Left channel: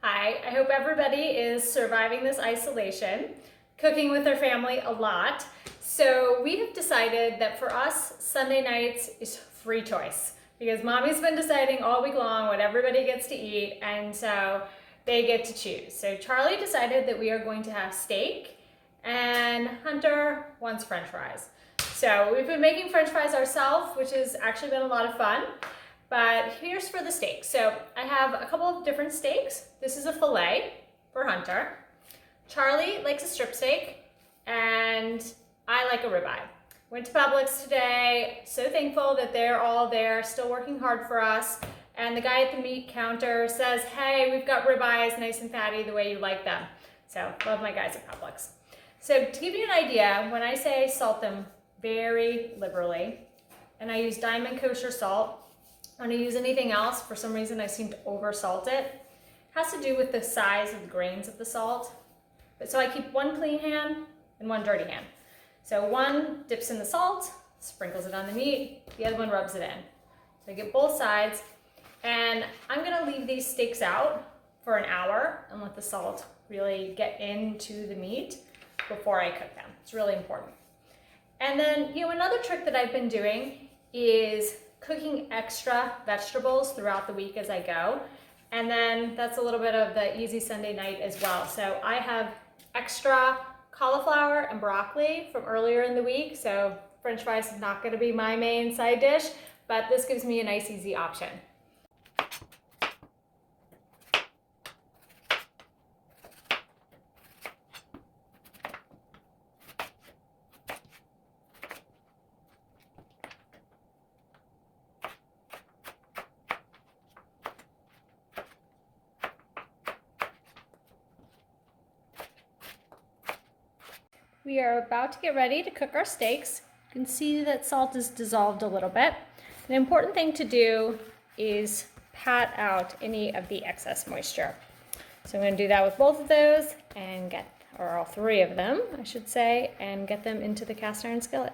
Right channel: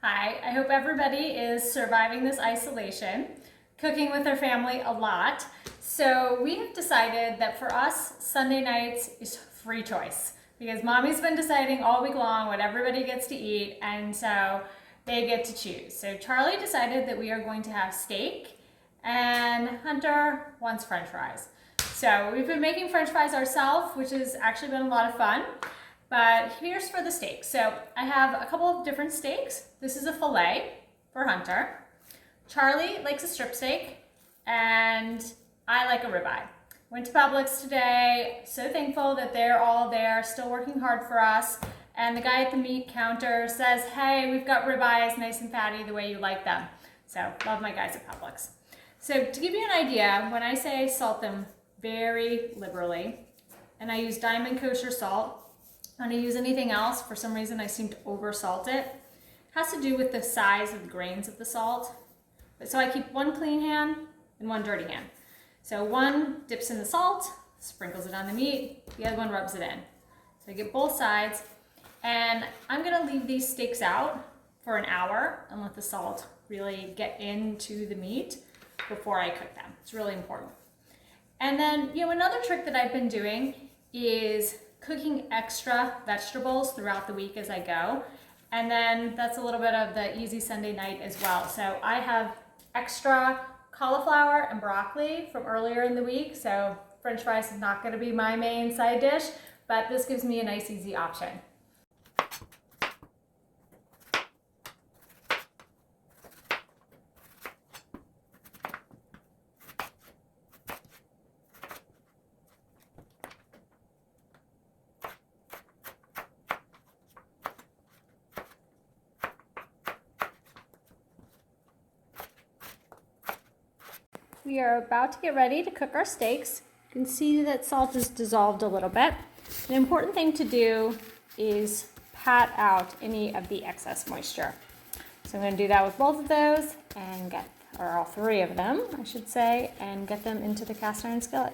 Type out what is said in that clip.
Hi, I hope everybody is surviving this isolation, cooking with their family a lot. So we have decided that for us, Sunday nights is free choice because mommy's been deciding all week long what everybody gets to eat, and so they get to choose. So Charlie decided that we are going to have steak and Hunter wants French fries. So we've been making French fries ourselves, which has actually been a lot of fun. But here's for the steak. So I have a couple of different steaks. This is a filet for Hunter. Charlie likes a strip steak, and I like a ribeye. Went to Publix today. So thankful that they're all there, still working hard for us. And the guy at the meat counter says, hey, we've got ribeyes nice and fatty the way you like them. So love my guys at Publix. So to give you an idea, when I say salt them very liberally, and I use Diamond Kosher salt, when I use anything else, for some reason I seem to over salt it. It has to do with the size of the grains of the salt. So I keep one clean hand and one dirty hand. So one dips in the salt, sprinkles it on the meat, the other one rubs it in. So I get both sides, and I'm gonna leave these steaks out for an hour and let the salt really get into the meat before I cook them. It's really important. And then, another trick that I've been doing is cooking extra vegetables throughout the week as I go. And then that's a little bit of the easy Sunday night as well. So I have extra cauliflower and broccoli from earlier in the week. So French fries is not gonna be my main side dish, but this gives me a nice easy option. We are about to get ready to cook our steaks. You can see that salt is dissolved a little bit. An important thing to do is pat out any of the excess moisture. So I'm going to do that with both of those and or all three of them, I should say, and get them into the cast iron skillet.